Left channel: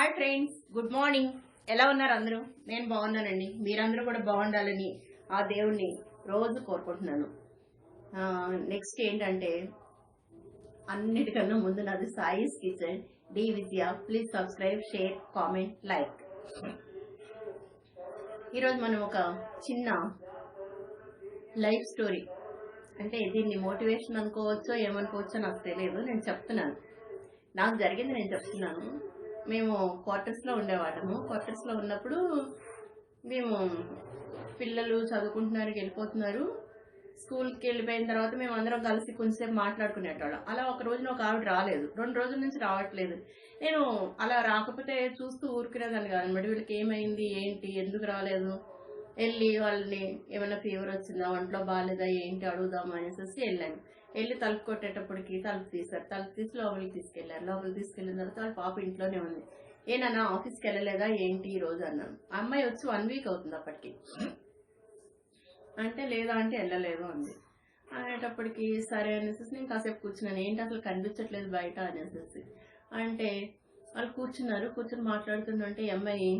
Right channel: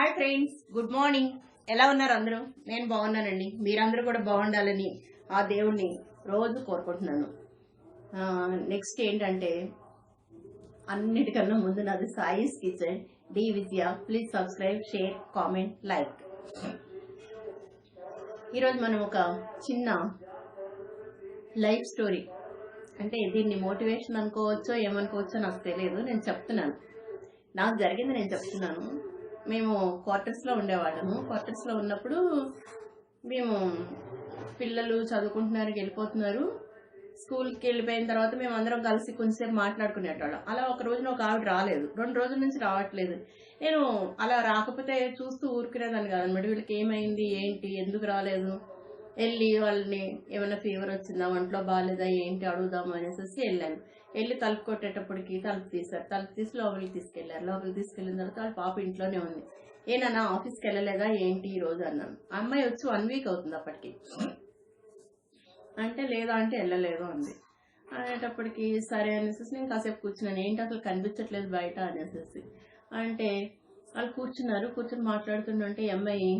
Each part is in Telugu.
Hi friends, good morning. ఎలా ఉన్నారు అందరూ? నేను బాగున్నానండి. మీరందరూ కూడా బాగుండాలని ఆ దేవుణ్ణి రోజు కోరుకుంటున్నాను. నెక్స్ట్ ఏంటంటే, అన్నిటికన్నా ముందు నాది Sai's kitchen D Vidya. Please subscribe, share, comment, like. ఈరోజు మనం ఒక చిన్న లైఫ్ స్టోరీ, అంటే దీన్ని మోటివేషన్ అనుకోవచ్చో ఏమనుకోవచ్చో నాకు తెలియదు, నేను చెప్తున్నాను. నాకు జరిగింది నేను చెప్తున్నాను. మేము క్వార్టర్స్లో ఉండేవాళ్ళము. క్వార్టర్స్లో ఉన్నప్పుడు మేము పిల్లలు చదువుకుంటున్నారు, వెళ్ళిపోతున్నారు. స్కూల్కి వెళ్ళిపోయిన తర్వాత మేము అందరం కలిసి కొంచెంసేపు మాట్లాడుకునేటోళ్ళం. అలా ఒక రోజున ఒక ఆవిడ రాలేదు, 2 రోజుల నుంచి రావట్లేదు. నేను అలా రాకపోతే చూస్తూ ఊరుకునేదాన్ని కాదనమాట. వీళ్ళకి ఏమైంది, ఏంటి, ఎందుకు రాలేదు, వెళ్ళి వాళ్ళని ఏమైనా ఫీవర్ వచ్చిందా, ఒంట్లో బాగాలేదా, ఏంటి అడుగుదాము అనేసి వెళ్ళాను. వెళ్ళి తలుపు కొట్టేటప్పటికి తలుపు తీశారు. తలుపు తీసి లోపలికి తీసుకెళ్లారు. లోపలికి తీసుకెళ్ళిన తర్వాత వాళ్ళ పాప ఇంట్లోనే ఉంది. ఏనన్నా ఆఫీస్కి వెళ్ళలేదా ఏంటి ఈ రోజు అన్నాను. అమ్మాయి వచ్చి 1 వీక్ అవుతుంది అప్పటికి. అంటే లేదా అంటే వెళ్ళలేదు అంది. అనేటప్పటికి సరే అనేసి నేను కాసేపు కూర్చున్నాను. ఏంటి అసలు కనిపించట్లేదు బయట అనేసి అంటే వాళ్ళు కూర్చుని మాట్లాడుతుంటే అమ్మాయి,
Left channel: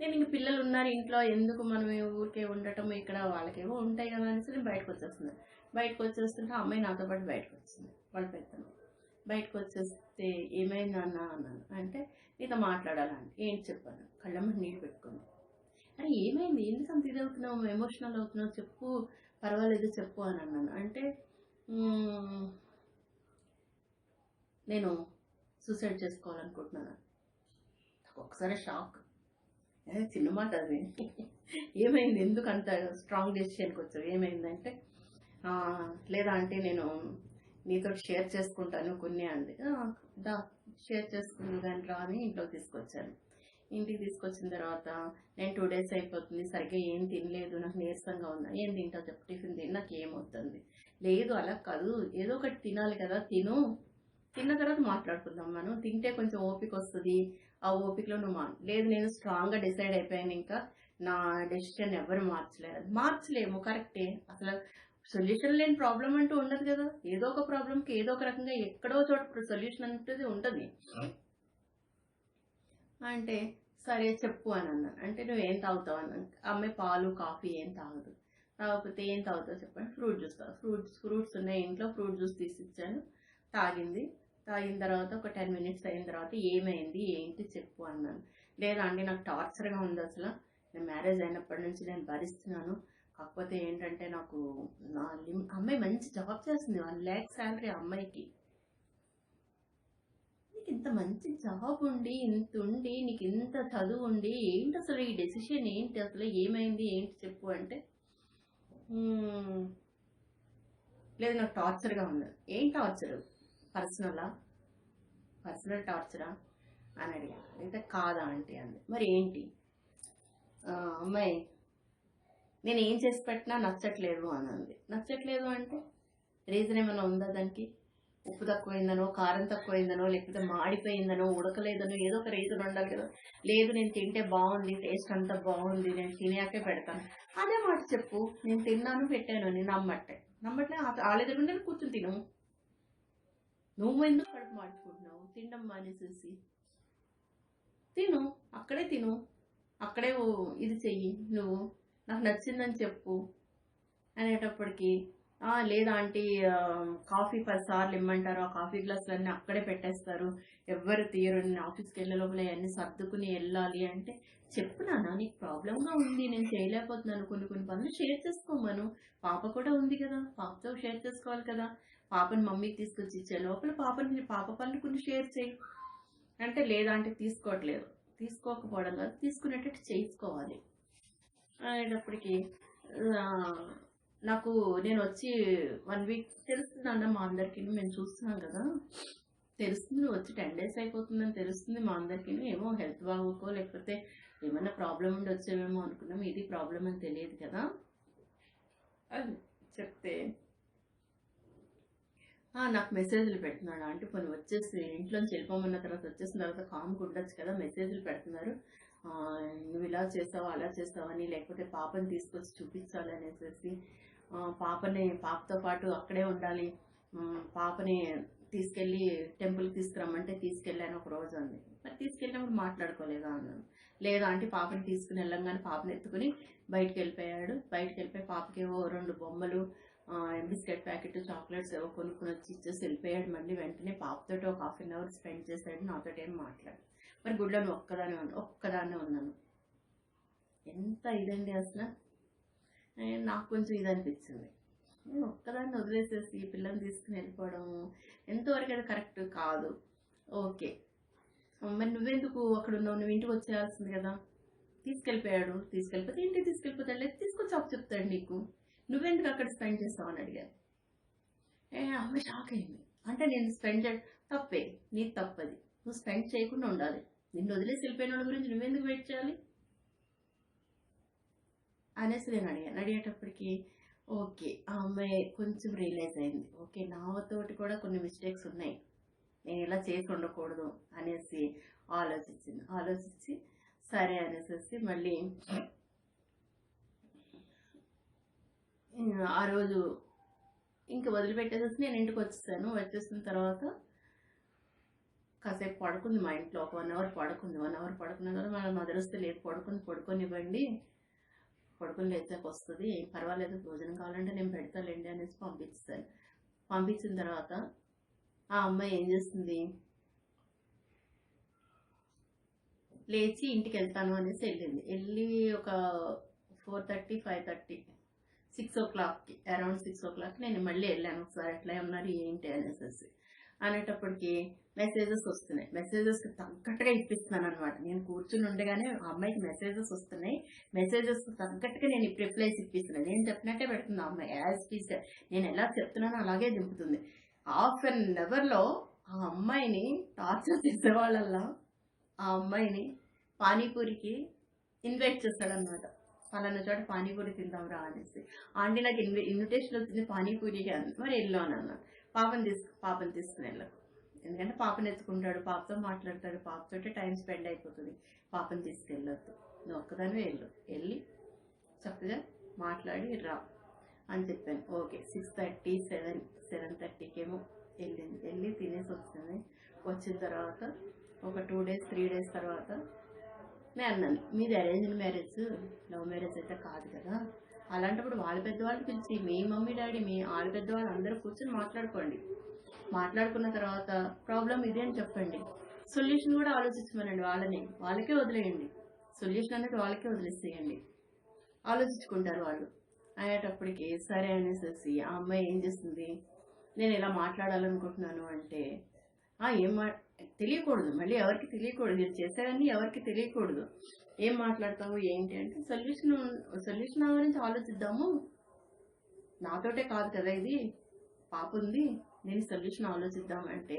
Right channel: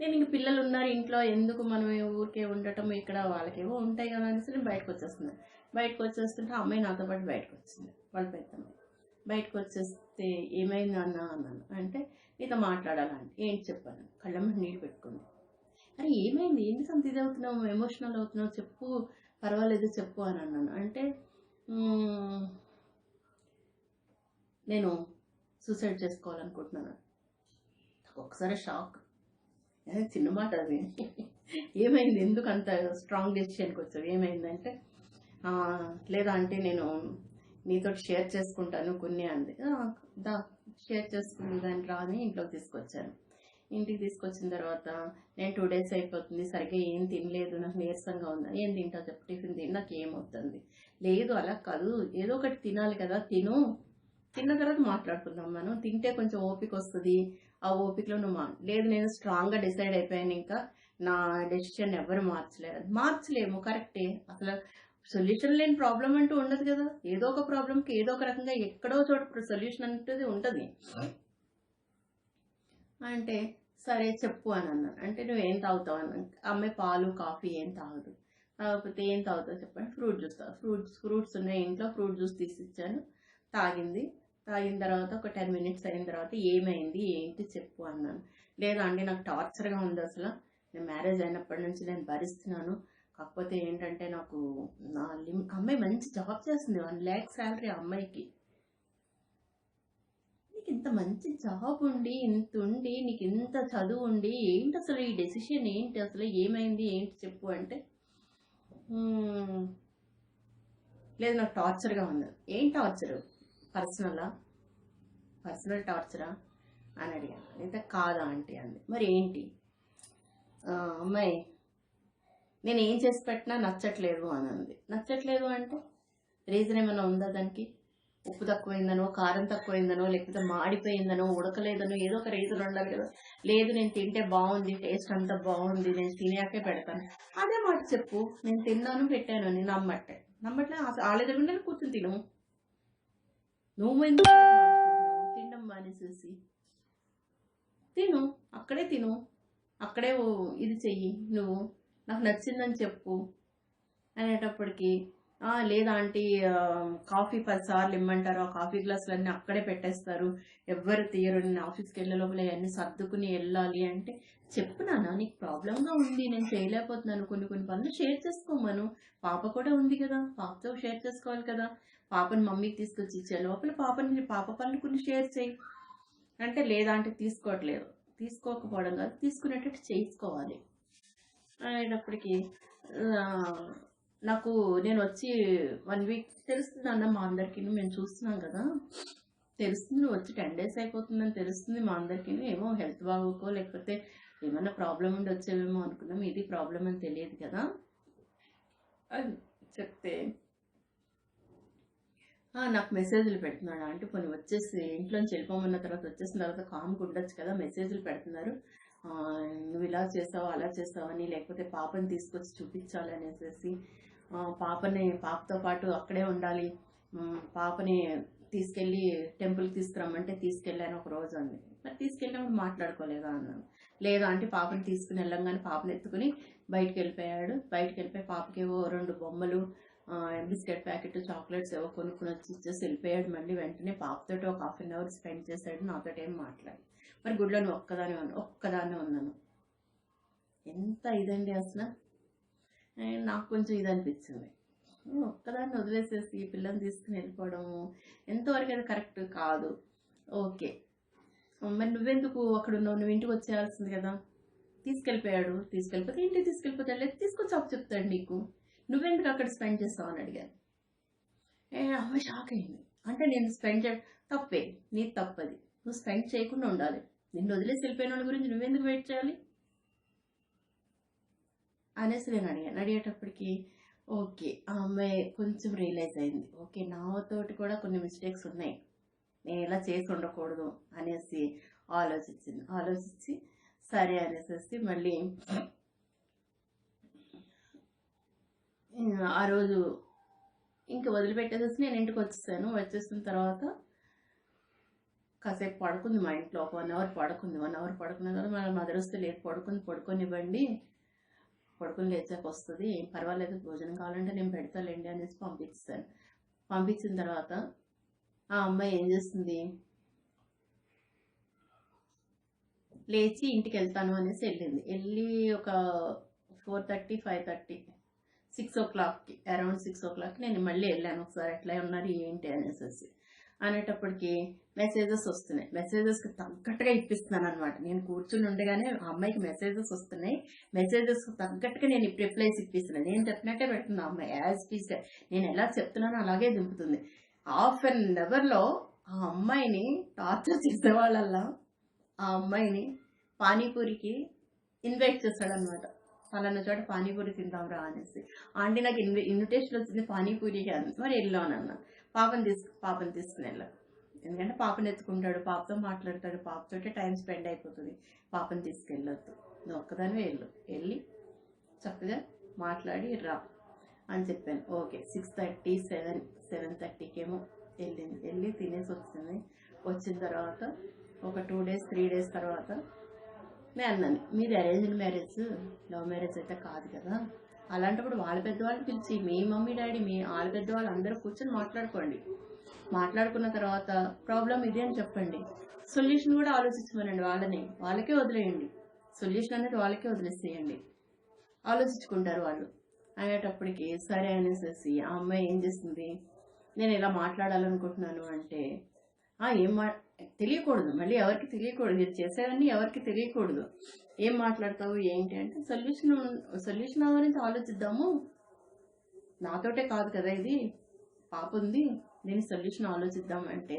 నేను ఇంక పిల్లలు ఉన్నారు ఇంట్లో, ఎందుకు మనం ఊరికే ఉండటం, ఇక్కడ వాళ్ళకేమో ఉంటాయి కదా అనేసి నేను బయటకు వచ్చేస్తున్నాను. బయటకు వచ్చేస్తుంటే అమ్మాయి నాతో పాటు బయటకు వచ్చింది. వాళ్ళ పెద్దమ్మాయి బయటకు వచ్చేస్తే ఏమైంది అన్నాను. అంటే నీతో మాట్లాడాలంటే ఏంటి చెప్పాను. కళ్ళమ్మ నీళ్ళు పెట్టుకుంది. అరే ఏమైంది, ఎందుకు అంత ఇది అవుతున్నావు, ఎమోషనల్ అవుతున్నావు, చెప్పు, పర్వాలేదు చెప్పు అని అన్నాను. అంటే నేను సూసైడ్ చేసుకోవాలనుకుంటున్నాను. ఒకసారి షాక్. చిన్న మాట అది. ఏమైంది, ఎందుకు అంత స్ట్రాంగ్ డెసిషన్కి వచ్చావు, ఏమైందంటే లేదా అంటే నేను నీతో షేర్ చేసుకుంటాను కొన్ని అంది. షేర్ చేసుకుని దాన్ని రాని ఇంట్లోకి తీసుకొచ్చాను. ఇంటికి తీసుకొచ్చిన తర్వాత నేను 2 days అయిపోతుంది, సరిగ్గా ఏం తినలేదు, నాకు నీరసంగా ఉందా, ఏం తింటావు చెప్పు, టిఫిన్ తిని నాకు ఏమవుతుంది, లేదు అలా కాదు ఏదో ఒకటి తినాలి కదా, తిన్న తర్వాత మాట్లాడుకుందాం, మనం తింటే కొంచెం ఓపిక వస్తుంది, ఆ ఓపికలో నువ్వు లేదు నేను స్ట్రాంగ్గా డిసైడ్ అయిపోయాను, ఇంకా నా డెసిషన్ ఎవరు మార్చలేము, కరెక్టే. అసలు సొల్యూషన్ లేని ప్రాబ్లం అంటూ ఉండదు కదా. ఏదో ఒక ప్రాబ్లంకి ఏదో ఒక రకంగా ఎక్కడో చోట సొల్యూషన్ అంటే ఉంటుంది. అంటే సరే చెప్పు అని అన్నాను. అంటే నువ్వేం తాగుతావు అన్నాను. అమ్మాయి పాలు కాఫీ ఏం తాగదు. కాకపోతే ఏం తాగుతావు చెప్పండి, ఫ్రూట్ జ్యూస్ ఫ్రూట్స్ ఉన్నాయి ఇంట్లో, ఫ్రూట్ జ్యూస్ తీసిచ్చాను, తాగింది. తాగిన తర్వాత ఒక 10 minutes అయిన తర్వాత ఏమైంది ఏంటి చెప్పు అన్నాను. లేదా అండి నాకు టార్చర్గా ఉంది, అసలు నేను మ్యారేజ్ అయినప్పటి నుంచి నేను భరిస్తున్నాను, కాకపోతే ఏంటంటే నాకు అమ్మాయి మంచి జాబ్ చేస్తుంది, 1 lakh శాలరీ అమ్మాయికి. నీకు ఇంత మంచి జాబ్ ఉండి, ఇంత ఉండి, నీకు ఇంత చదువు ఉండి, ఏంటి అసలు ఈ డెసిషన్ ఏంటి, అసలు ఏమైంది ఏంటి చెప్పు అంటే లేదు నాకు టార్చర్గా ఉంది. ఏం టార్చరు, పర్సనల్ టార్చరా అని అడిగాను. అయితే కాదా ఆంటీ అంది. మరి ఏంటి, అమ్మాయి నేను ఏం చేసి పెట్టినా నచ్చట్లేదు అని అంది. నచ్చట్లేదు అంటే రీజన్ ఏమైనా ఉందా దానికి? ఉప్పు తక్కువైందనో, కారం తక్కువైందనో, లేకపోతే మాడిపోయిందనో, ఉడకలేదనో, ఏదో ఒక రీజన్ ఉండాలి కదా. లేదు నేను తింటే బాగుంది, టేస్ట్ అంతా బాగుంది, నేను తినేకే పెడతాను, అదే మాట చెప్పు. నేను తిన్నాను పెట్టాను అని నమ్మట్లే వాళ్ళ దగ్గర కూర్చొని తిను. నువ్వు ఎందుకు తినడం మానేసేసి తిను, అక్కడే తిను, అక్కడే ఇది చెయ్యి, నువ్వు నాకు నచ్చిందని చెప్పు అనేటప్పటికి లేదా ఆంటీ కాఫీ 10 సార్లు ఇమ్మంటారు, ఆ కాఫీ గ్లాసులన్నీ అక్కడే పెట్టేస్తారు, ఎవ్వరు తీయరు, నేను ఆఫీస్కి వెళ్ళే లోపల అన్నీ సర్దుకుని వెళ్ళాలి అంటే చెప్పు నాన్న, నీకు ప్రాబ్లంగా ఉంది, నేను చేయలేకపోతున్నాను, కొన్ని పనులు షేర్ చేసుకోమను. పాప కూడా ఉంది కదా, పాపతో షేర్ చేసుకోవాలి కదా. పాపని మమ్మీకి తీసుకొచ్చి ఇచ్చే లోపల పాప పనులు కొన్ని షేర్ చేయి అంటే లేదా అంటే తీసుకోకపోవడం కాదు, తీసుకునేటట్టు చేసుకోవాలి అనేటప్పటికి నాకు నేను వచ్చి 1 week తెలుస్తుంది అన్న, మా అందరికీ మేము చూస్తున్నాం కదా, తెలుస్తుంది, నువ్వు వచ్చి 10 days అయిపోతుందని తెలుస్తుంది మా అందరికీ. ఏమో హెల్త్ బాగోకో లేకపోతే ఏమైనా ప్రాబ్లం ఉండి వచ్చేవేమో అనుకున్నాం, ఇది ప్రాబ్లం అని తెలియదు కదా అని చెప్తే నాకు మెసేజ్లు పెడుతున్నాడు అంటే కొన్ని వచ్చేసి ఇంట్లోంచి వెళ్ళిపోమన్న తర్వాత వచ్చేసిన తర్వాత కామ్గా ఉండొచ్చు కదా, మెసేజ్లు పెడుతున్నారు, నువ్వు ఇలా చేస్తావు అలా చేస్తావని, లేకపోతే పాపని తీసుకొచ్చి చూపించాలి అనేసి, పాపతో పాటు అక్కడే ఉండాలి, పాపని తీసుకెళ్ళి టెంపుల్కి తీసుకురమ్మంటే తీసుకెళ్ళాను ఒక రోజు అంది. మరి తీసుకెళ్ళినప్పుడు మాట్లాడుకోలేదా అన్నాను. లేదు ఆంటీ, పాపని తీసుకుని వెళ్ళంగానే పాపని ఎత్తుకుని బయటికి వెళ్ళిపోయాడు. బయటికి వెళ్ళిపోయి పాపకేవో 2 బొమ్మలు, బిస్కెట్ ప్యాకెట్, చాక్లెట్స్ ఏవో కొనుక్కొని వచ్చి ఇచ్చేసి వెళ్ళిపోయాడు. మళ్ళీ వెంటనే పాపతోటి ఒక 1/2 అవర్ స్పెండ్ చేశాడు, నాతో ఏం మాట్లాడు. మరి గుడిలో నువ్వు ఒక్కదాన్నే ఉన్నాను. ఎంత ఇదండి అసలు. నాకు కొంచెం ఇది అనిపించింది. నేను ఒక్కదాన్ని వదిలేసేసి పిల్లని తీసుకుని వెళ్ళిపోవడము ఎంతవరకు అది కరెక్ట్ కాదు. ఓకే, మరి నువ్వెందుకు అక్కడ ఉన్నావు? నువ్వు ఇంటికి వచ్చేయాల్సింది కదా. తీసుకెళ్ళిపోతే ఇంటికి తీసుకెళ్ళిపోతాడు, లేదు తీసుకొచ్చి అప్పు చెప్తాడు నీకు. నువ్వెందుకు అక్కడ స్పెండ్ చేస్తావు అని అడిగాను. అమ్మ షాక్ అయింది. అంటే నేను స్పెండ్ తప్పే, నీది తప్పది. నువ్వు స్పెండ్ చేయకుండా ఉండాలి. నిన్ను వదిలేసి వెళ్ళిపోయిన వాళ్ళ గురించి నువ్వెందుకు వెయిట్ చేయాలి అనేసి నేను అడిగేటప్పటికి ఓకే, ఆ అమ్మాయి కొంచెం రియలైజ్ అయింది. ఓకే, నాతోటి కూడా కొన్ని మిస్టేక్స్ ఉన్నాయి, నేను ఇలా చేసి ఉండకూడదు అనేసి ఆలోచించి సరే అనేసి మళ్ళీ ఆ రోజు ఇంకా వదిలిపెట్టేసేసి నేను ఇంటికి వచ్చేసిన తర్వాత కాసేపు పడుకుంది మా ఇంట్లో. ఒక 1 అవర్ పడుకుంది. 1 అవర్ పడుకున్న తర్వాత మన మదర్ వస్తే లేదు, పడుకొనివ్వండి, పడుకొని లేచాక వస్తుంది, ఏం పర్వాలేదు, భోజనం కావాలంటే నేను పెడతాలేండి అనేసి పంపించిన తర్వాత ఆ అమ్మాయి ఏం చేస్తుంది, లేచి ఇంటికి వెళ్తాను అనేసి వెళ్ళి ఒక 4:30, 5:30, 6 o'clockకి, అరౌండ్ 6 o'clock నేను మళ్ళీ వెళ్ళాను ఒకసారి ఎట్లా ఉన్నారు ఏంటి అనేసి. అనేటప్పటికి మెసేజెస్ వస్తున్నాయి. మెసేజెస్కి తగ్గట్టుగా ఇప్పిస్తున్నాను అనమాట. నేను కూర్చుని ఉండగానే ఆ అమ్మాయికి మెసేజెస్ వస్తున్నాయి. మెసేజెస్కి తగ్గట్టుగా నేను రిప్లైస్ ఇప్పిస్తున్నాను. నేను చెప్పినట్టే పెడుతుంది ఆ అమ్మాయి, యాజ్ పీస్గా నేను ఎలా చెప్తున్నానో అలాగే దింపుతుంది. 1/2 అవర్లో ఆ అమ్మాయిని టార్చర్ చేసేవాళ్ళల్లా ఆ అమ్మాయిని పానీపూరికి ఇన్వైట్ చేస్తాడనమాట. పలానా చోట పానీపూరి తిందాం రా అనేసి. ఆంటీ నాకు ఇన్విటేషన్ వచ్చింది పానీపూరికి అని. మరి వెళ్ళాను అన్న. పాపని తీసుకుని వెళ్ళకు, ఎందుకంటే పాపని ఎత్తుకుంటాడు, పాపతో మాట్లాడతాడు, పాపతోటే టైం స్పెండ్ అయిపోతుంది, పాపని తీసుకెళ్ళొద్దు, నువ్వు ఒక్కదానివే వెళ్ళి చక్కగా మాట్లాడి రా అని చెప్పాను. ఓకే, 6:30, 7:30కేమో వెళ్ళి తినేసి వచ్చిన తర్వాత ఒక 2 days 3 days తర్వాత నేను అన్నాను, మీది అరేంజ్డ్ మ్యారేజ్, లవ్ మ్యారేజ్ అయితే కాదు కదా, అలాంటప్పుడు వాళ్ళ పెద్దవాళ్ళు పిలిచి మీ మమ్మీ డాడీ వాళ్ళ పెద్దవాళ్ళు అందరూ కూర్చొని మాట్లాడుకున్న తర్వాత ప్రాబ్లం ఇది అని చెప్పండి, సొల్యూషన్ కూడా ఆలోచించమనండి, వాళ్ళకే వదిలేయండి, సొల్యూషన్ అనేది వాళ్ళకే వదిలేసేయండి, ఆలోచించుకుంటారు వాళ్ళు అనేటప్పటికి సరే అనేసి ఆ అమ్మాయి ఏం చేస్తుంది, నేను ఇలా మాట్లాడాలనుకుంటున్నాను అంటే తెలియకూడదు, మళ్ళీ ఎవరికి తెలియకూడదు, ఇది చేసేవన్నీ ఎవరికి తెలియకూడదు. ఏం మాట్లాడతావు ఏంటి అంటే సొల్యూషన్ గురించి ఆలోచిద్దాము, నాతోటే కాదు కదా ఇది, పాప ఉంది, నేను సొల్యూషన్ ఆలోచిద్దాం అంటే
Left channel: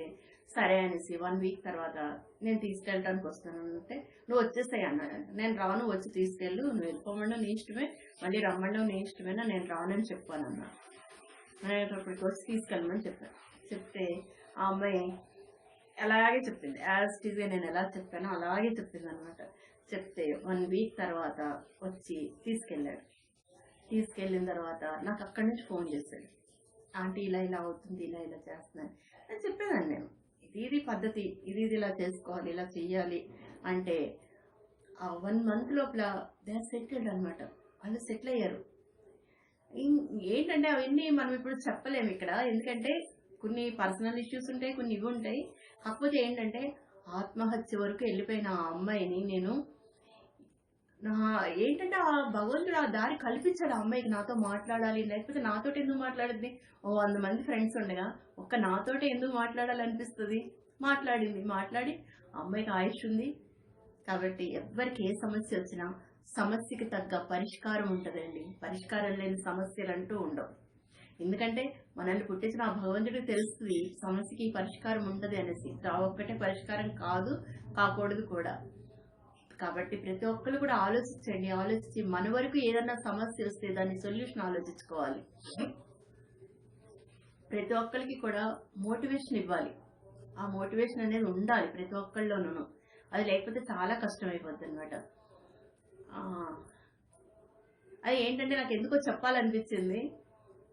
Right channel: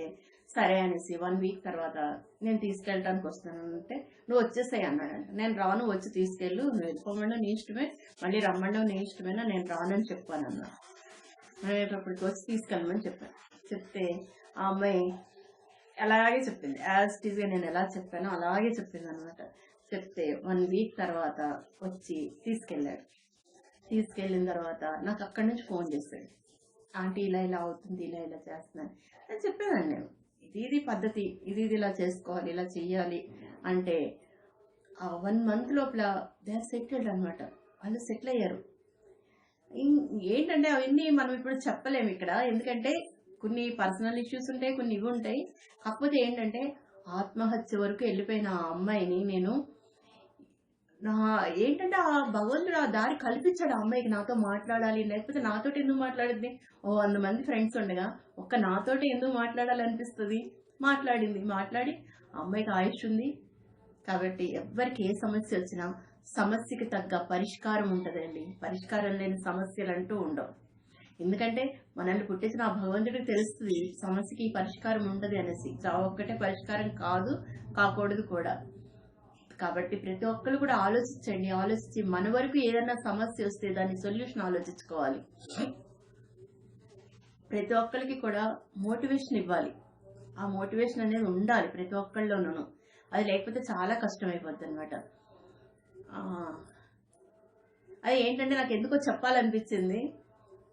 సరే అనేసి 1 week తర్వాత నేను తీసుకెళ్ళటానికి వస్తానంటే నువ్వు వచ్చేసాయి అన్నాడంట. నేను రాను, వచ్చి తీసుకెళ్ళు, నువ్వు వెళ్ళిపోమన్నా నీ ఇష్టమే, మళ్ళీ రమ్మన్నావు నీ ఇష్టమేనా, నేను రానని చెప్పాను అన్నాడు. అనేటప్పటికి వచ్చి తీసుకెళ్ళమని చెప్తే ఆ అమ్మాయి అలాగే చెప్పింది, యాజ్ ఇట్ ఈజ్గా నేను ఎలా చెప్పానో అలాగే చెప్పింది అనమాట. చెప్తే 1 week తర్వాత వచ్చి తీసుకెళ్ళిన తర్వాత నాకు అక్కడి నుంచి ఫోన్ చేశాడు, ఆంటీ ఇలా అవుతుంది, ఇలా చేస్తున్నాను అని చెప్పేదాన్ని నేను. ఇది పద్ధతి, ఇది ఇలా చేసుకోవాలి, ఇలా చెయ్యాలి అంటే ఆ 1 month లోపల దే ఆర్ సెటిల్డ్ అనమాట. వాళ్ళు సెటిల్ అయ్యారు. ఏంటంటే అవన్నీ మనం ఇప్పుడు చెప్పలేము ఇక్కడ, ఎందుకంటే కొన్ని పర్సనల్ ఇష్యూస్ ఉంటాయి, కొన్ని ఇవి ఉంటాయి. కాకపోతే ఏంటంటే ఆత్మహత్య వరకు వెళ్ళిపోయిన ఆ అమ్మాయిని నేను ఏంటంటే ఆ భగవంతుడు ఆ దారి కల్పించాడు ఆ అమ్మాయికి, నాతో మాట్లాడాలి, లేకపోతే నాతోటి ఎందుకు మాట్లాడింది, 100 మంది ఫ్రెండ్స్ ఉండగా ఒక్క నాతోటి ఎందుకు మాట్లాడాలనిపిస్తుంది. మాట్లాడి ఆ అమ్మాయికి ఆయుష్ ఉంది కాబట్టి ఎవరికి ఏ సమస్య వచ్చినా సమస్యకి తగ్గ పరిష్కారం ఉంటుందండి. పరిష్కారం లేని సమస్యలు అంటూ ఉండవు. ఎందుకంటే మనల్ని పుట్టించిన ఆ భగవంతుడికి తెలుస్తుంది సమస్యకి పరిష్కారం ఉంటుంది అనేసి. చావు ఒక్కటే పరిష్కారం కాకూడదు కూడా. కాబట్టి ప్రతి ఒక్కరు కూడా ఆలోచించి మన వరకు ఏదైనా సమస్య వస్తే దాని సొల్యూషన్ ఆలోచించుకోవాలి. ప్రతి ఒక్కరికి కూడా మోటివేషన్ ఇవ్వాలి. ఆ మోటివేషన్ అనేది ఉండాలి ప్రతి ఒక్కళ్ళలోనూ. అది లేకపోతే చాలా కష్టమైపోద్ది అనమాట. అది ఏంటంటే నాకు ఎందుకో చెప్పాలనిపించింది.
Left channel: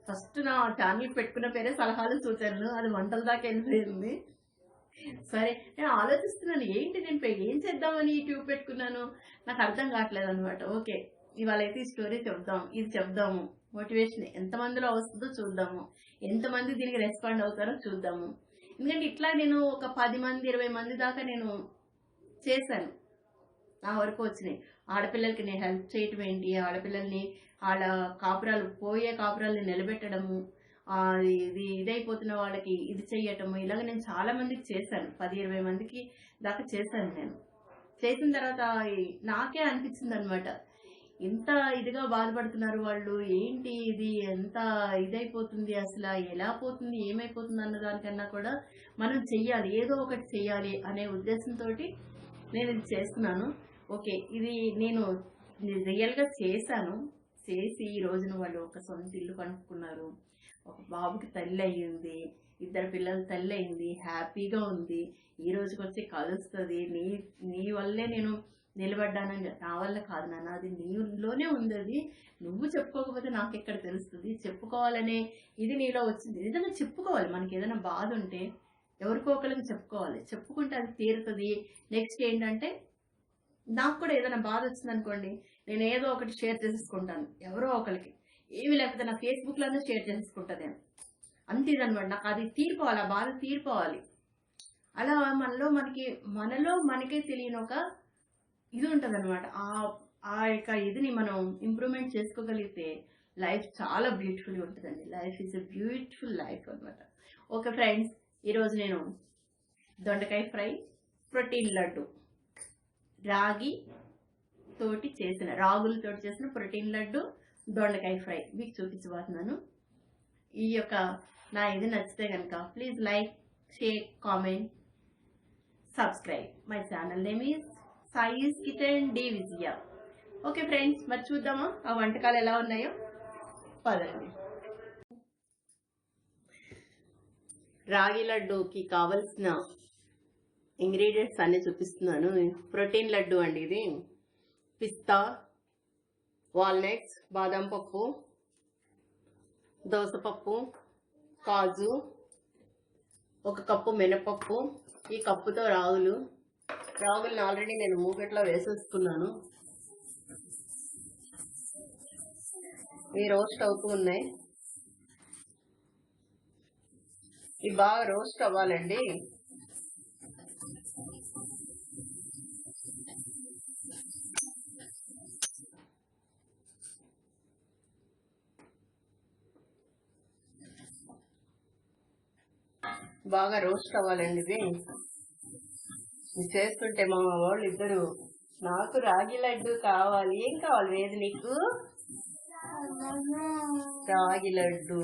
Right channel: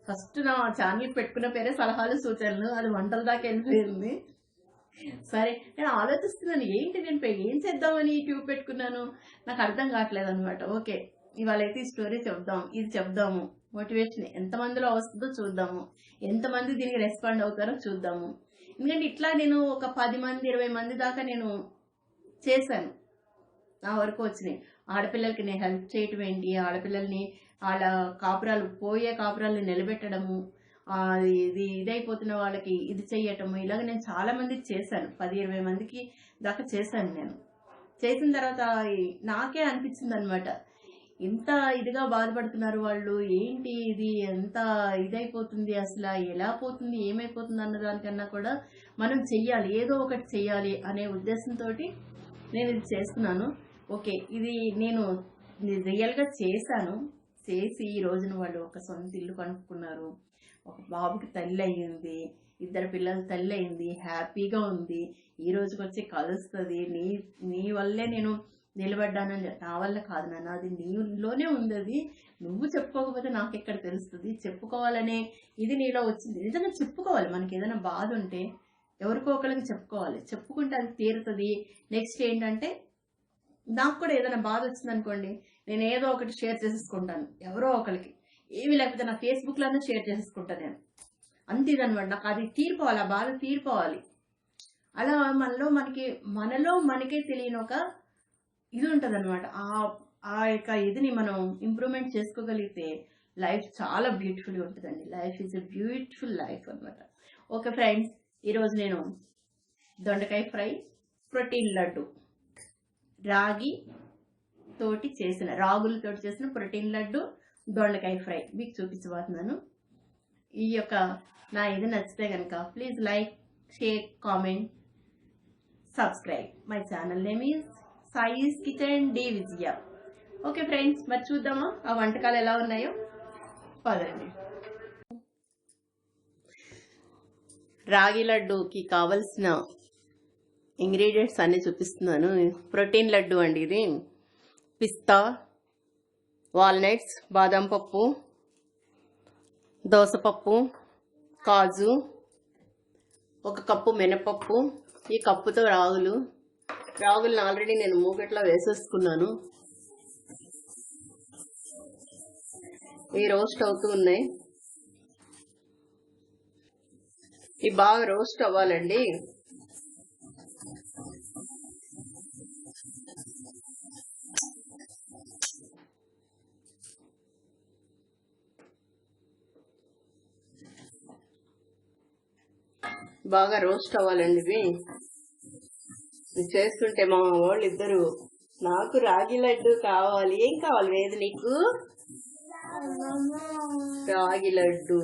ఫస్ట్ నా ఛానల్ పెట్టుకున్న పేరే సలహాలు సూచనలు, అది వంటల దాకా వెళ్ళిపోయింది. సరే నేను ఆలోచిస్తున్నాను ఏంటి నేను ఏం చేద్దామని ట్యూబ్ పెట్టుకున్నాను, నాకు అర్థం కావట్లేదు అనమాట. ఓకే, ఇవాళ అయితే ఈ స్టోరీ చెప్దాం, ఇది చెప్దాము, మోటివేషన్ ఎంతమందిలో వస్తుందో చూద్దాము, ఎంతమంది దీనికి రెస్పాండ్ అవుతారో చూద్దాము. ఎందుకంటే ఇట్లా నేను ఒక 10 మంది 20 మంది దాకా నేను చేశాను, నా వరకు వచ్చినాయి. ఆడపిల్లలకి నేను హెల్ప్ చేయటం ఏంటి, ఆడపిల్లల్ని వాళ్ళ కాపురాలు పోయే కాపురాలని నిలబెట్టడము, ఇది ఇదైపోతున్న వాళ్ళకి ఇది చెయ్యటము, ఇలాగ నేను చాలా మందికి చేశాను. 10-20 మందికి దాకా చేశాను. నేను చేసిన తర్వాత నాకే అనిపించింది అనమాట, ఇంత ఇదిగా బాధపడుతున్నారు వాళ్ళు, ఏంటి ఇది ఎంత ఇదైపోతుంది, అసలు ఎలా పోతుంది, ఏమైపోతుంది అన్న దానికన్నా కూడా మనం చెయ్యాలి, ఏదో ఒకటి చెయ్యాలి అనే ఉద్దేశంతో నేను ఇది చేస్తున్నాను. ఓకే, ఇది నేను రియల్గా చేశాను. చేసి ఈ రోజున వాళ్ళు ఒక సొంత ఇల్లు కనుక్కున్నారు, ఒక బాబుకి తల్లి అయ్యింది, 2 పిల్లల తల్లి అయింది, హ్యాపీగా ఉంది. ఈ రోజుకి వచ్చి కలుస్తుంది. నీ వల్లే నేను నిలబడ్డానని, నా వల్ల కాదు నాన్న, అది నీలోనే ఉంది, అది నువ్వు చెప్పుకోకపోతే నాకు ఎక్కడ తెలుస్తుంది, చెప్పుకోవాలనే ఇది నీలో వచ్చింది. నిజంగా చెప్పుకోవాలి, మనకి ఏదైనా బాధ ఉంటే ఎవరికో ఒకరికి చెప్పుకోవాలి, చెప్పుకుంటే అది తీరుతుంది. నెక్స్ట్ ఏంటంటే, నాకు కూడా ఏదైనా బాధ వచ్చింది అనుకోండి, నేను ఏదో ఒకటి షేర్ చేసేసుకుంటాను ఎవరో ఒకరికి, ఏమి లేకపోతే నా ఫేస్బుక్లోనే షేర్ చేసేసుకుంటాను నేను. అంతే ఇదనమాట, నాకు అది తీరిపోవాలి, ఆ బాధ తీరిపోవాలి. అలా మనలో మనకే తెలియని ఒక ఇది ఉంటుంది అనమాట. ఆ యొక్క ఇదిని మనం ఇంప్రూవ్మెంట్ చేసుకోగలిగితే లైఫ్ చాలా బ్యూటిఫుల్గా ఉంటుందండి. Life is a beautiful life అనమాట. ఓకే ఫ్రెండ్స్, ఈరోజు నేను దొండకాయ ఫ్రై, ప్రోటీన్ లడ్డు, రాగులతోటి చేసిన ప్రోటీన్ లడ్డు, దొండకాయ ఫ్రై మీకు చూపించబోతున్నాను. ఈ యొక్క నా ఇది నచ్చితే కనుక please like, share, comment, subscribe. My channel name is Sai's kitchen D Vijaya. Okay friends, మరి చూద్దామా ఆ వంటకాలు ఎలా ఉన్నాయో, పదండి. రాగి లడ్డూకి కావలసిన ఇంగ్రీడియంట్స్ అన్నీ చూపిస్తున్నాను. ప్రోటీన్ లడ్డు అండి ఇది. పిస్తా, వాల్నట్స్, బాదం పప్పు, దోసపప్పు, కాజు, 1 కప్పు మినపప్పు, ఈ కప్పుతో రాగులను ఆల్రెడీ నేను మూగట్లో వేసేసుకున్నాను. ఇవి రోస్ట్ అవుతూ ఉన్నాయి. ఇవి బాగా రోస్ట్ అవ్వాలండి. బాగా రోస్ట్ అవ్వాలండి. ఇవి చేస్తుంటే మా వాళ్ళు ఇద్దరు, నాకు రాగి లడ్డు కావాలి, ఏం కావాలి వేది నీకు? రాగి లడ్డు.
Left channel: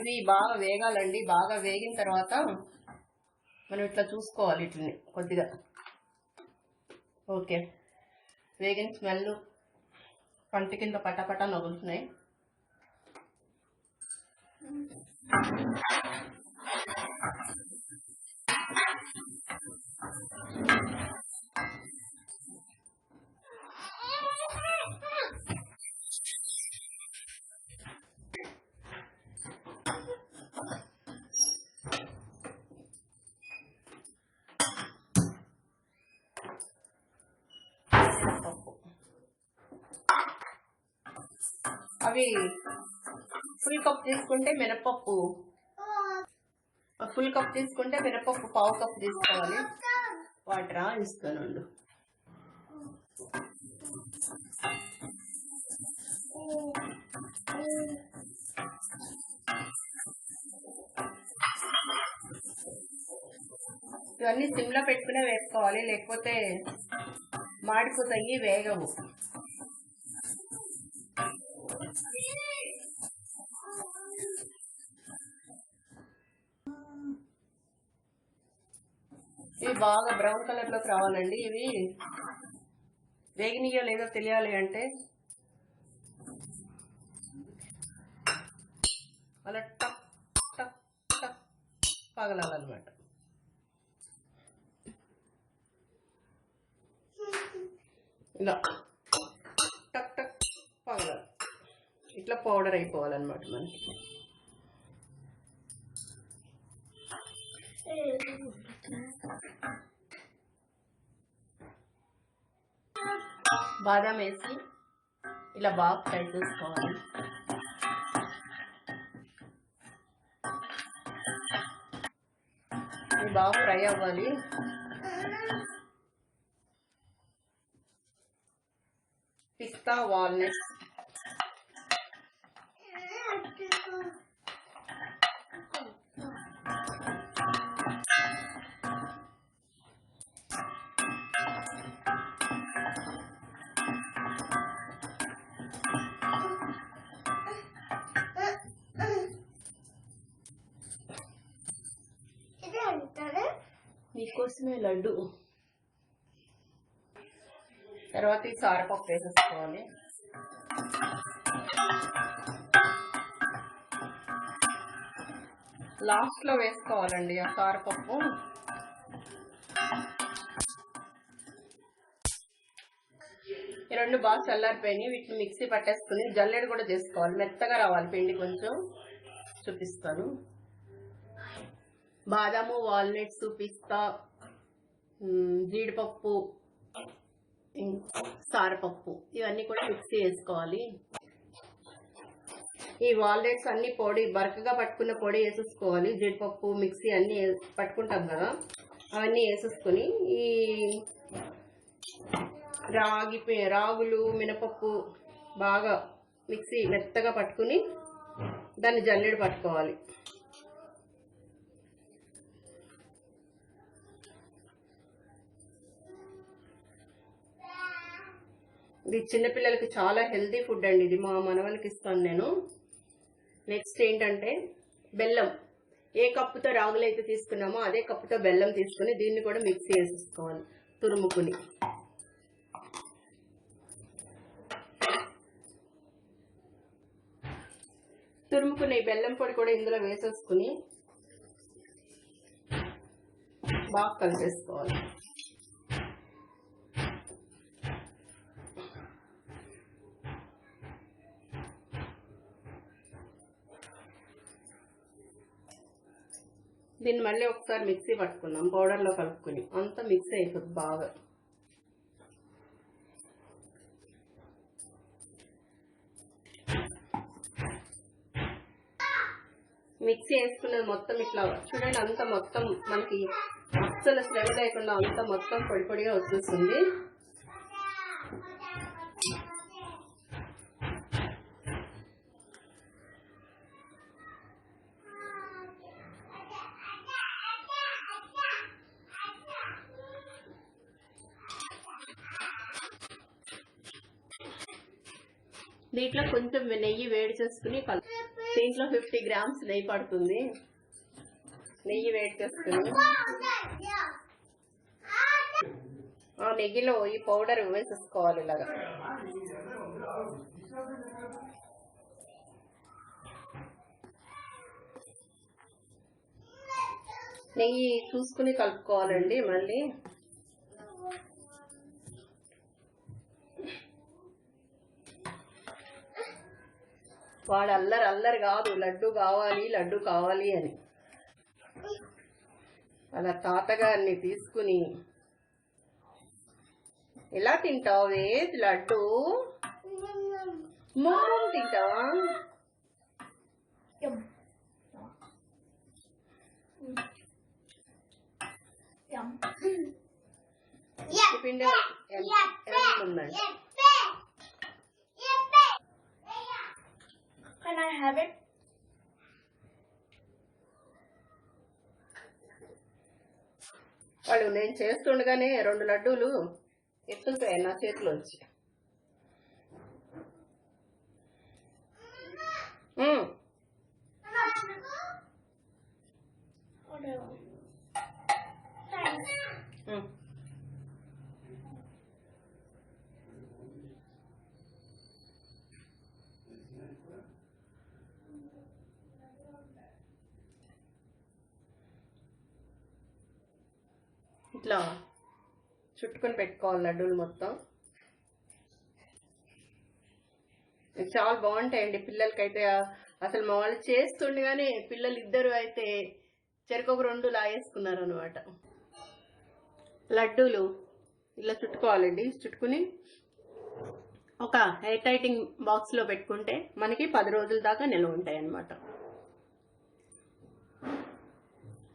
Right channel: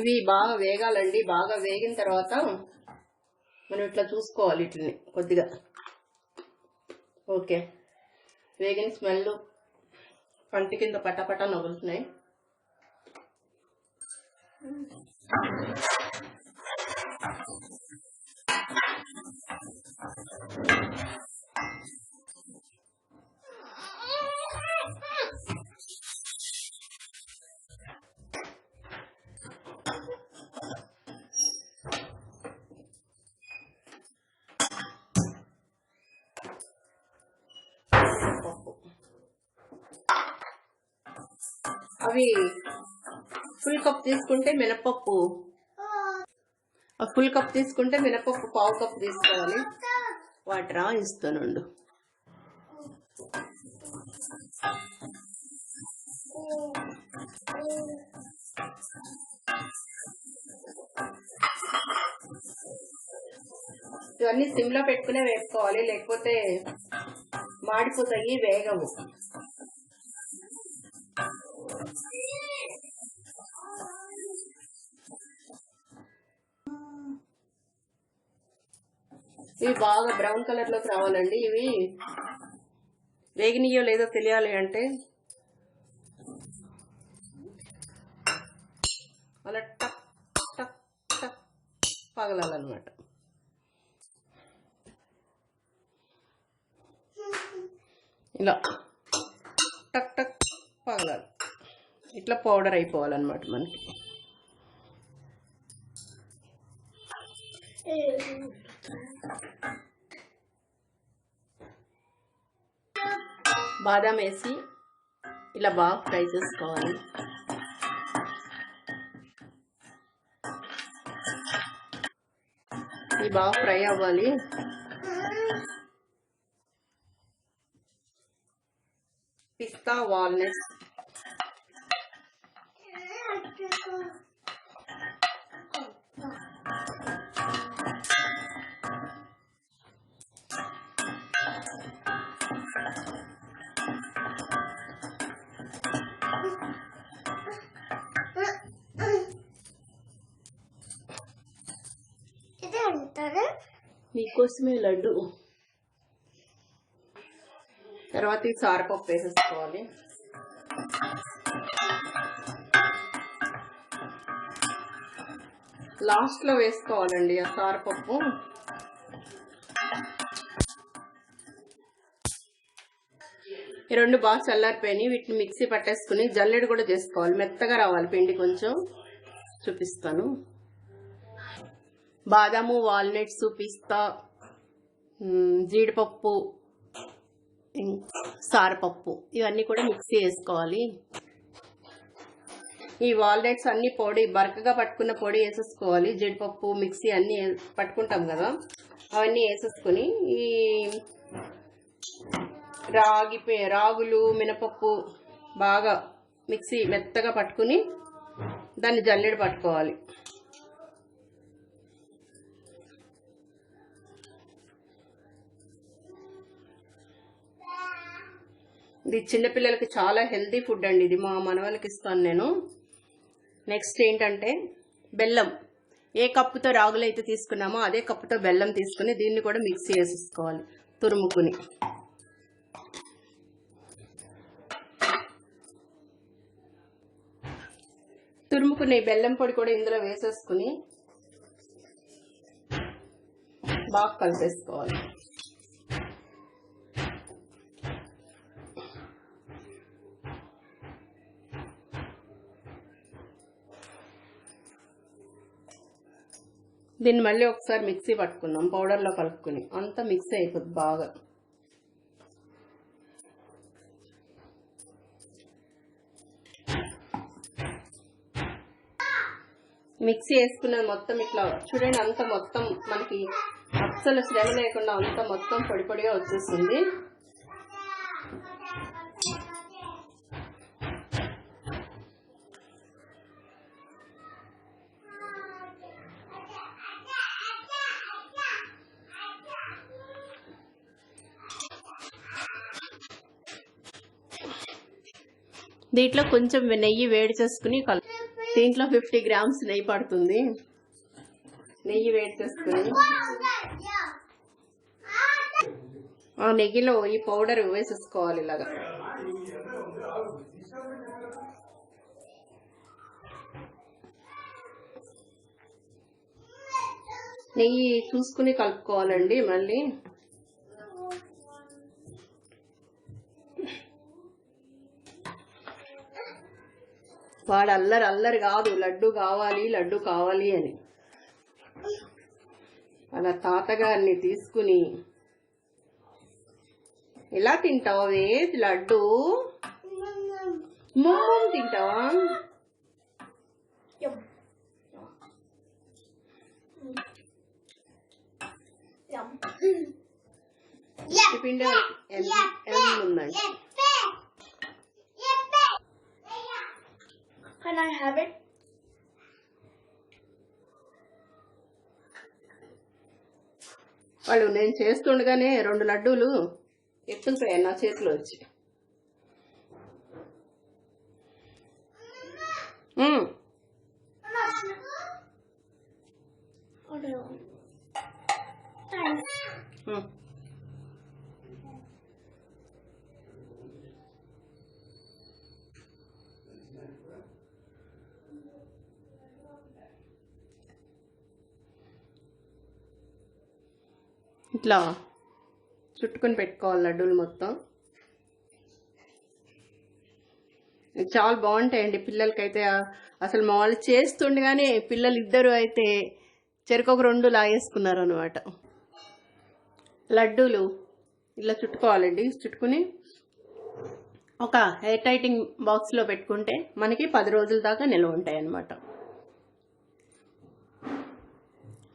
ఇవి బాగా వేగాలండి. బాగా వేగిన తర్వాత మనం ఇట్లా చూసుకోవాలి, ఇట్లని కొద్దిగా. ఓకే, వేగిన స్మెల్ పంట కింద పట్టపట్ట నవ్వుతున్నాయి. అవి ఫుల్ కప్ తీసుకుంటే మినపప్పు, ఫుల్ కప్ తీసుకుంటే మినపప్పు 1/2 కప్ తీసుకోవాలి. వాటర్ ఇస్తానుండు. ఇవన్నీ సిమ్లో పెట్టుకునే వేసుకోవాలి, లేకపోతే మాడిపోతాయి, వేగవు. ఇవి బాగా బ్రౌన్ కలర్లోకి రావాలండి. ఇవి వేగినయో లేదో తెలియాలి అంటే అలా టక్ టక్ టక్ పగలాలన్నమాట. ఇలా టక్ టక్ పగలాలి, ఇట్లా పౌడర్ అయిపోవాలన్నమాట మనకి. బాదం వేసి ఇలా బాగా ఫ్రై చేసుకోవాలి. ఇది బాగా ఫ్రై అవ్వాలి. పిస్తా వాల్నట్స్ మీకోసమే లడ్డు. తర్వాత ఈ సారపప్పు వేసేసుకోవాలి. లాస్ట్లో వేసుకోవాలండి ఆ సారపప్పు. ఈ రెండు బాగా చల్లారిపోయినాయి. వీటిని మిక్సీ పట్టేసుకుని జల్లెడ కూడా చేసుకోవాలి. మెత్తగా రావాలి పిండి. కొంచెం చూపిస్తాను. బాదాము, వాల్నట్స్, పిస్తా, జీడిపప్పు, సారపప్పు ఇవన్నీ కూడా మిక్సీ వేసుకోవాలి. ఈ వాల్నట్స్ అన్ని పొడి బరకగా పట్టుకున్న పొడి వేసేసుకోవాలి. జీడిపప్పు మిక్సీ అన్నీ పట్టుకుంటాం కదా, అవన్నీ వేసేసుకొని ఈ రాగులు, మినపప్పు బాగా మిక్సీ మెత్తగా పట్టుకుని దాన్ని జల్లెడ పట్టుకోవాలి. ఇది చిన్నపిల్లలకి చాలా హెల్తీ ఫుడ్ అండి. ఇది మా మనవలకి ఇస్తాను నేను. నెక్స్ట్ ఏంటంటే బెల్లం. ఏ కప్పుతో రాగులు అయితే తీసుకున్నామో అదే కప్పుతో బెల్లం తీసుకుని దీన్ని కూడా మిక్సీ వేసేసుకోవాలి తురుముకుని. తురుముకుని బెల్లం పొడి కూడా ఇందులో వేసేసుకుని బాగా కలిసేసుకోవాలి. దీన్ని మళ్ళీ ఒకసారి మిక్సీ పట్టుకుందాం. పౌడర్లో కలుపుకుని అంతా మిక్సీ అయిపోద్ది బాగా. మిక్సీ వేసుకున్నది మొత్తం ఇట్లా చూడండి. అంత మొత్తం మనకి అస్సలు శ్రమ లేకుండా అంత మొత్తం పొడి పొడిగా వచ్చేస్తుంది. దీంట్లో కొంచెం నెయ్యి వేడి చేసుకుని దీంట్లో 50 గ్రామ్స్ నెయ్యి పడుతుంది. నెయ్యి వేడి చేసుకుని ఆ నెయ్యిలో ఈ పౌడర్ వేసేసుకోవాలి. ఇలాగా నెయ్యి చూసుకుని కలుపుకోవాలండి. మళ్ళీ వాడు అల్లరి కాదు, లడ్డు కావాలి అని. అలా తాతగారిని తీసుకుని ఎలా తింటావే లడ్డు? మొమ్మం తింటావా? పిండి ఉందండి. Can I have it? వాళ్ళు నేను చేస్తుండగానే 2 లడ్డూలు ఎత్తుకుపోయాయి నా చేతిలో వచ్చి. ఇట్లా చుట్టుకొని పెట్టుకోవాలి లడ్డూలు మొత్తం. చాలా బాగుంటాయండి పిల్లలకైతే. అసలు మా వాళ్ళు చేస్తుండగానే పిల్లలు ఇద్దరు అయితే చెరుకొక 2 లాగేసుకున్నారు అనమాట. లడ్డూలు ఇలా చుట్టుకోవాలండి. చుట్టుకుని ఒక ఎయిర్ టైటింగ్ బాక్స్లో పెట్టుకుంటే మనకి 10 రోజుల దాకా నిల్వ ఉంటాయి అన్నమాట.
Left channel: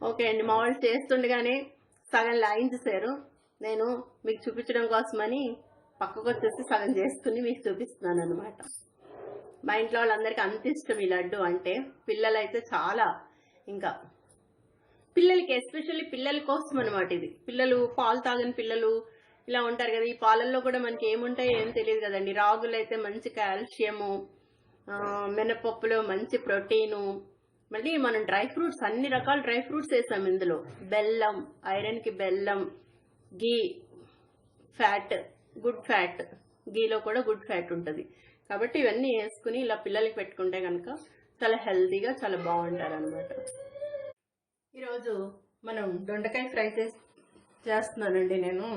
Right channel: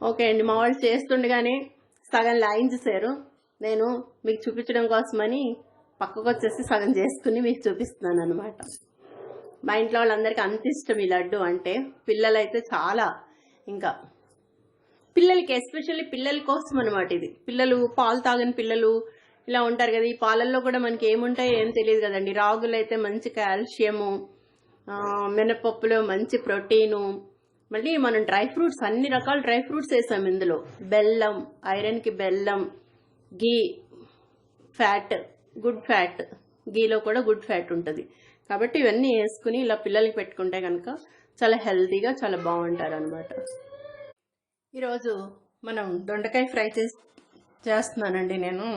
ఓకే అండి, మా వాళ్ళు చేస్తుండగానే సగం లాగించేసారు. నేను మీకు చూపించడం కోసమని పక్కకు వచ్చేసి సగం చేసుకుని మీకు చూపిస్తున్నాను అనమాట. మా ఇంట్లో వాళ్ళందరికీ అంత ఇష్టం ఈ లడ్డు అంటే. పిల్లలైతే చాలా, ఇంకా పిల్లలకి ఎస్పెషల్లీ పిల్లల కోసం అనమాట ఇది. పిల్లలు పాలు తాగని పిల్లలు ఇలా ఉంటారు కదా, ఈ పాలల్లో కూడా మనకి ఏముంటాయో ఏం తెలియదు కదండి. రాగులు అయితే మంచి కాల్షియము, మినపప్పులో మంచి ప్రోటీను, మళ్ళీ మనం డ్రై ఫ్రూట్స్, అన్ని రకాల డ్రై ఫ్రూట్స్ వేసాం ఇందులో. బెల్లం, ఐరన్కి బెల్లం, గీ, ఫ్యాట్, గుడ్ ఫ్యాట్, గీలో కూడా గుడ్ ఫ్యాట్ ఉంటుంది. కాబట్టి ఇవన్నీ వేసుకుని ఇలా పిల్లలకి పెట్టుకుంటే కనుక చాలా హెల్తీగా చాలా బాగుంటారు అనమాట. ఈరోజు మనం దొండకాయ ఫ్రై చేస్తున్నానండి నేను.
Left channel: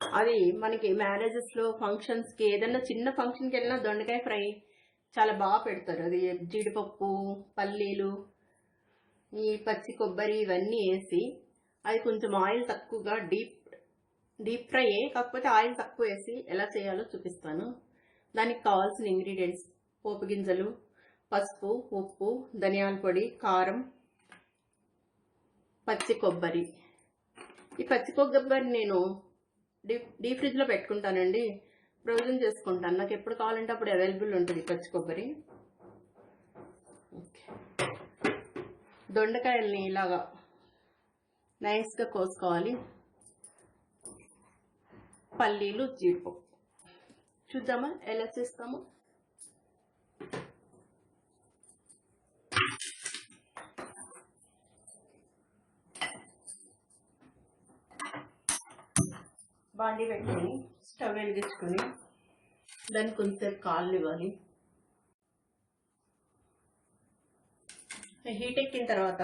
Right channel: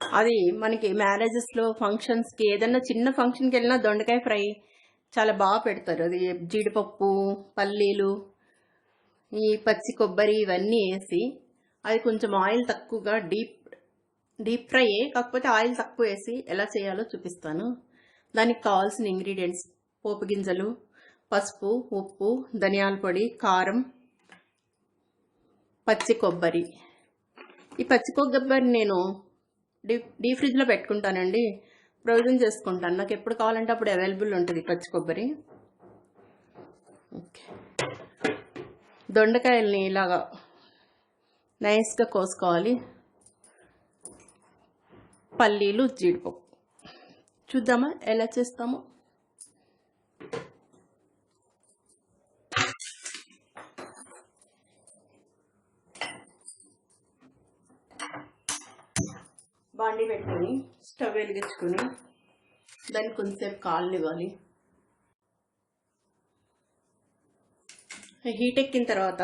అది మనకి మ్యారేజెస్లో, ఫంక్షన్స్కి, ఏదైనా చిన్న ఫంక్షన్కి వెళ్ళినా దొండకాయ ఫ్రై చాలా బాగా పెడతారు. అది జీడిపప్పు, పల్లీలు, ఈ పచ్చి కొబ్బరి ఇవన్నీ వేసి, అది కొంచెం ఆయిల్ తక్కువగా డీప్ ఫ్రై, కాకపోతే ఆయిల్ తక్కువ వేసి ఎలా చేయాలో చూపిస్తాను. దానికి కావాల్సిన ఇంగ్రీడియంట్స్: పోపు గింజలు, పసుపు, ఉప్పు, ధనియాల పొడి, కారం, పచ్చి కొబ్బరి. ఈ పచ్చి కొబ్బరి నేను డీప్ ఫ్రిడ్జ్లో పెట్టుకుంటానండి, ప్రొవిజన్ చేసుకుంటాను. నాకు ఎప్పుడు కావాలంటే అప్పుడు అవైలబుల్ ఉంటుంది పచ్చి కొబ్బరి. ఓకే, దొండకాయల్ని ఇలాగా నైస్గా కోసుకోవాలి. పల్లీలు, జీడిపప్పు చూద్దామా ఎలా చేస్తామో. బాండి పెట్టుకుని స్టవ్ వెలిగించుకుని దానికి కొంచెంసేపు కాలనివ్వాలి. హీట్ ఎక్కిన తర్వాత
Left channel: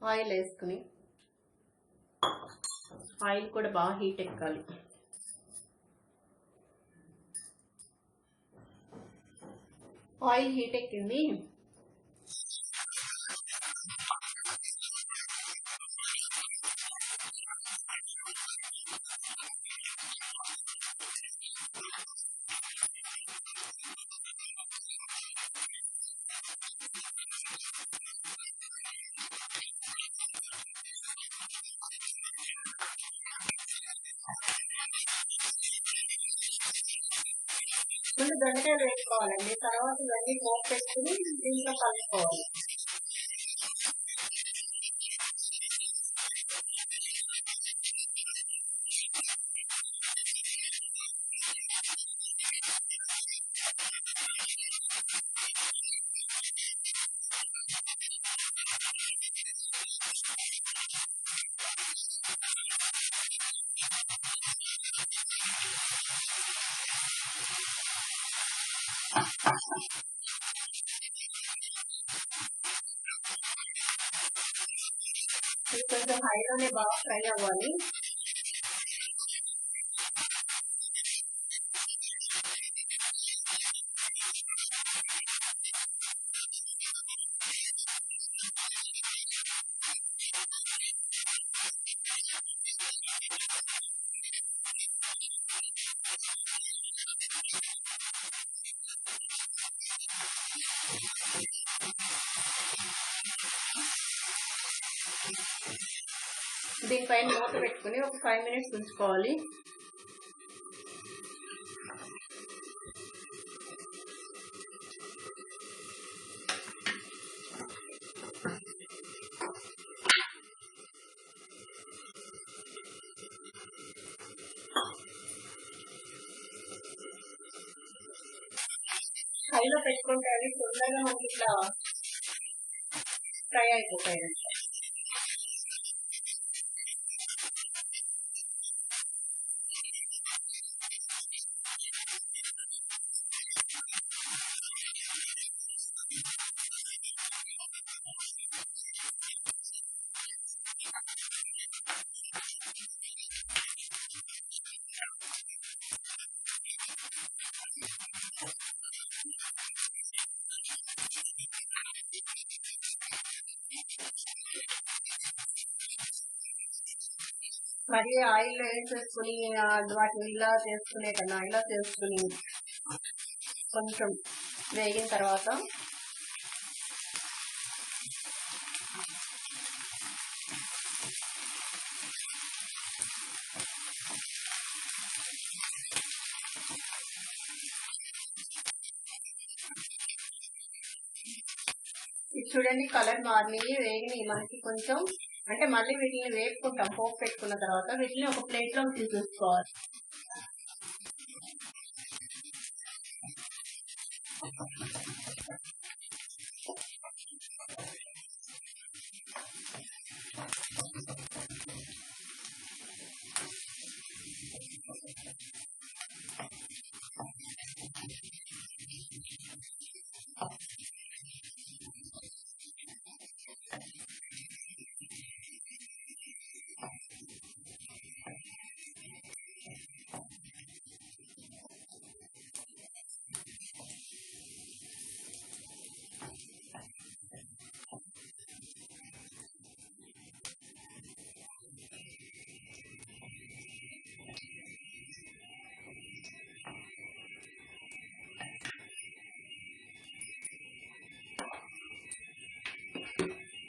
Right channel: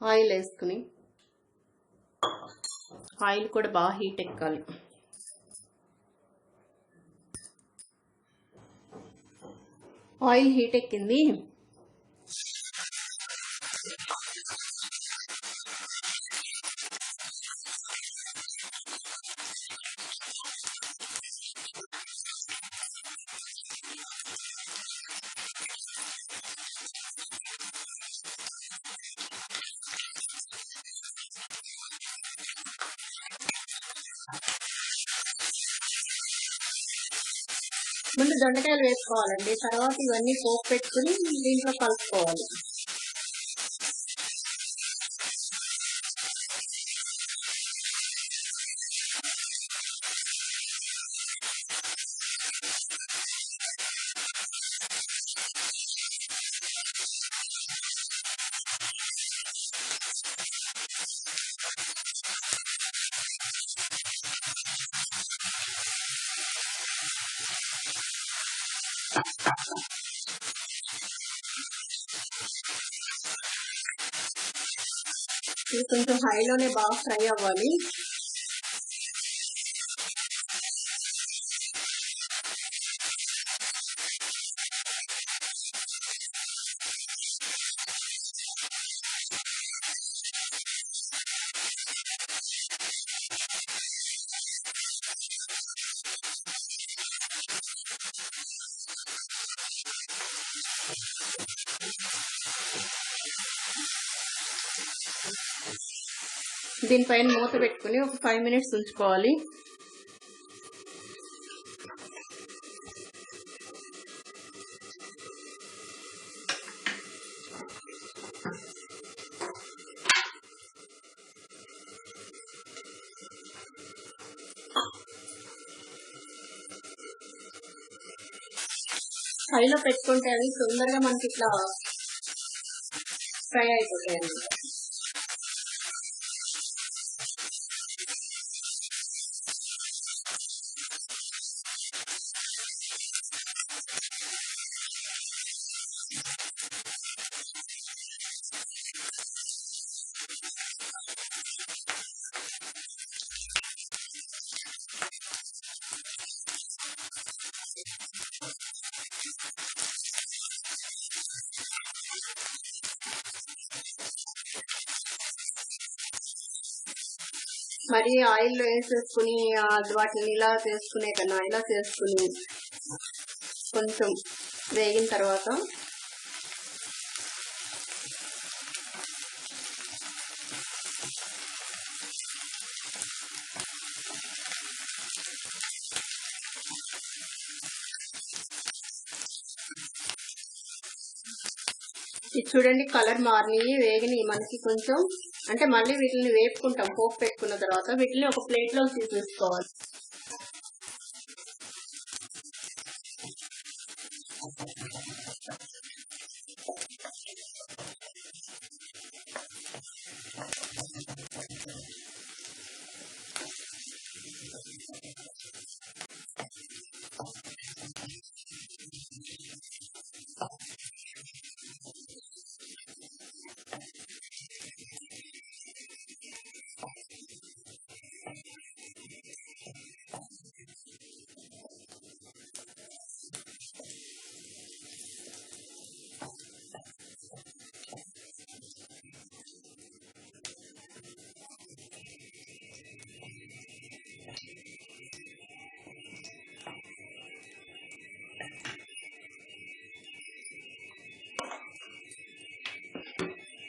ఆయిల్ వేసుకుని, ఆయిల్ కూడా బాగా హీట్ ఎక్కాలి. ఆయిల్ హీట్ ఎక్కింది. ముందు దొండకాయలు వేసుకోవాలండి, తర్వాత ఇవన్నీ పోపు పెట్టుకుని దీంట్లో కలుపుకోవాలి. ఇది కొంచెం హైలోనే బాగా ఫ్రై అవ్వాలి. దీనిపైన మూత పెట్టుకుని ఒక 5 minutes ఉంచుకోవాలి. హైలో పెట్టుకుంటే అవి తొందరగా మనకి ఇట్లా ఫ్రై అయిపోతాయి. మరి ఆయిల్లో వేసేసుకుని వాటిని ఇలా చేసుకునే కన్నా ఇలా చేసుకుని కొంచెం వేగిన తర్వాత ఇది చూడండి కలర్ మారిని వేగిని మనకి కొంచెం అంటే మళ్ళీ వీటిని వేపుకుంటాం. పోపు పెట్టుకున్న తర్వాత వీటిని ఒక ప్లేట్లో తీసేసుకోవాలి.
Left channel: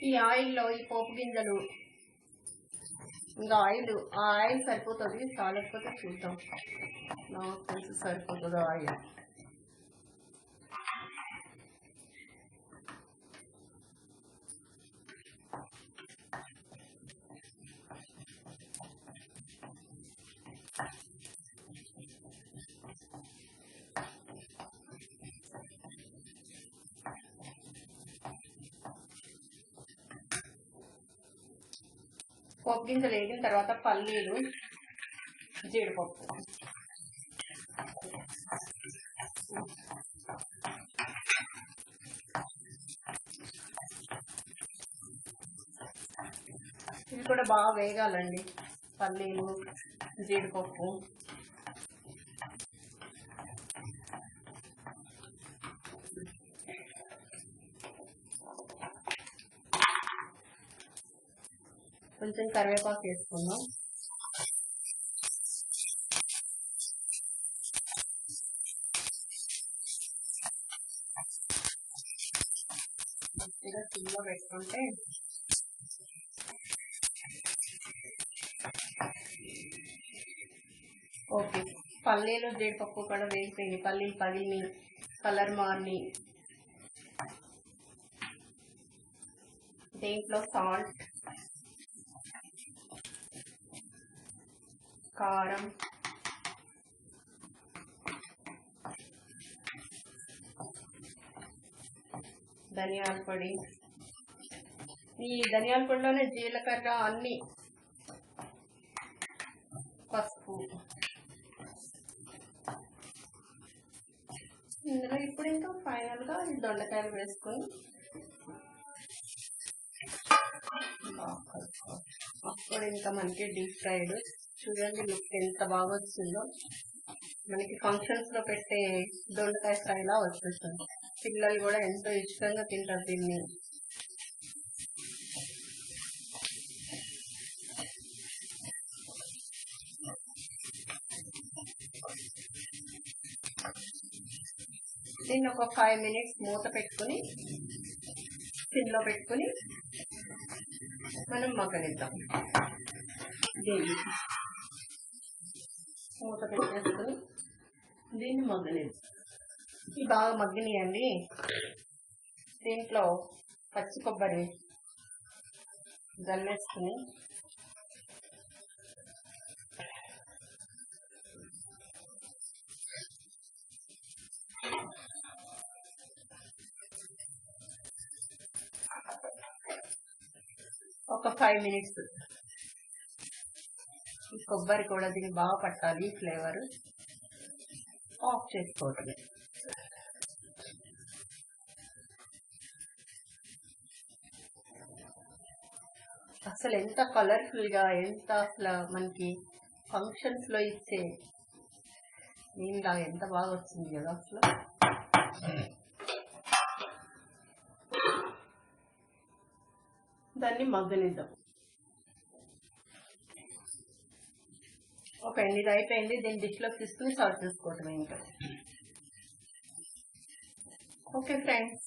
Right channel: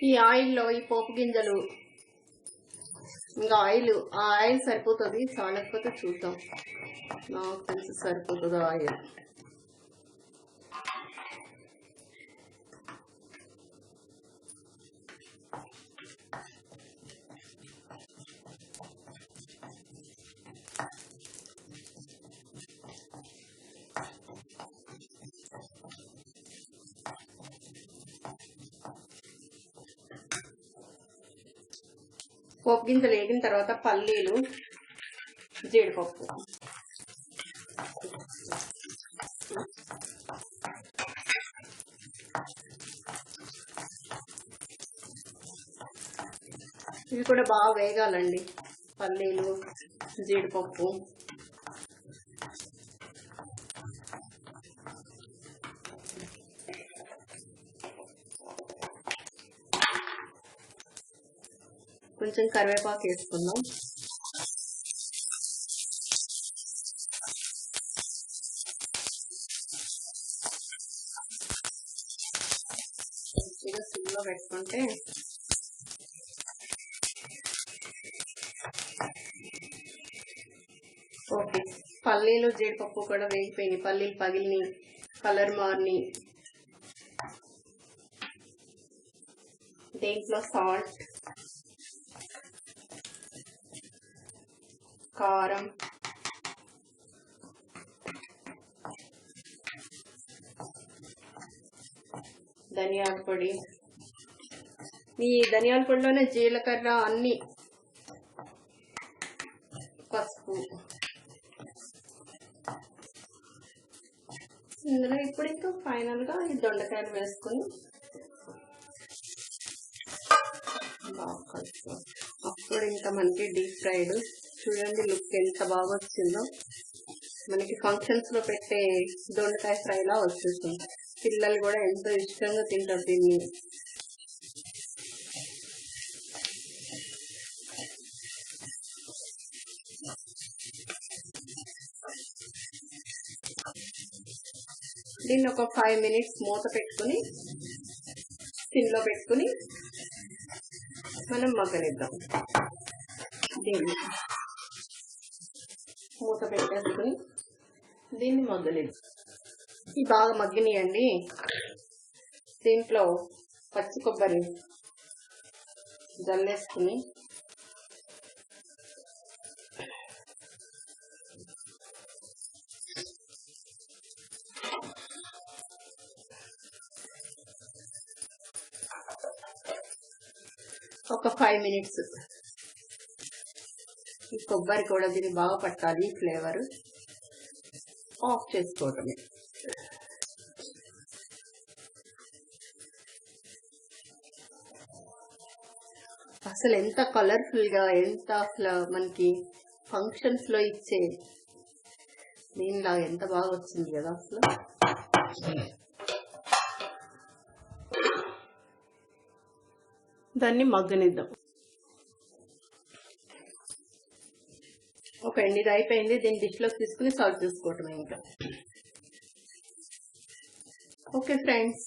ఈ ఆయిల్లో ఈ పోపు గింజలు ఇంకా ఆయిల్ సరిపోతుంది. చాలకపోతే చూద్దాం. నాకు తెలిసి సరిపోతుంది ఆయిల్. పోపు గింజలు వేగిన తర్వాత పల్లీలు, జీడిపప్పు, ఇవి కూడా బాగా వేగాలండి. పల్లీలు, జీడిపప్పు, కొంచెం కరివేపాకు వేసుకుందాం. మంచిగా సిమ్లో పెట్టుకుంటే ఓకే. పల్లీలు జీడిపప్పు కూడా వేగిపోయినాయి. పల్లీలు పగిలిని, కలర్ మారిని. దీంట్లో సాల్ట్, కారం, ధనియాల పొడి. ఈ ధనియాల పొడిలోనే జీలకర్ర అన్ని, పసుపు. ఇందులో ఇప్పుడు ఇంకా ఫైనల్గా ఈ దొండకాయలు వేసుకుని అప్పుడు ఇంకా మనకి డీప్ ఫ్రైడ్. చూడండి లుక్ ఎంత బాగా వచ్చిందో. మనకి ఫంక్షన్స్లో పెట్టే దొండకాయ ఫ్రైలా వచ్చేస్తుంది. పిల్లలు కూడా ఎంతో ఇష్టంగా తింటారు దీన్ని. దీన్ని ఒక 5 minutes మూత పెట్టుకుని సిమ్లో పెట్టుకుని మనం మగ్గనిద్దాం. దీన్ని మూత పెట్టేసుకుని దీన్ని మగ్గనిద్దాం. ఇవి బాగా మగ్గినాయండి. దీంట్లో పచ్చి కొబ్బరి జల్లేసుకుని ఒక 5 minutes ఈ కొబ్బరి కూడా దీన్ని బాగా పట్టాలి. ఫ్లేవర్ ఆఫ్ చేసుకోవటమే. అసలు ఎంత కలర్ఫుల్గా, ఎంత అసలు మనకి ఫంక్షన్స్లో ఇచ్చే దీనిలా ఎంత బాగా వచ్చింది కదా అసలు. దాన్ని మగ్గనిద్దాం. అయిపోయింది, ఇది అయిపోయింది. దీన్ని డిష్లోకి తీసుకుని సర్వ్ చేసుకోవటమే ఇంకా. Okay friends.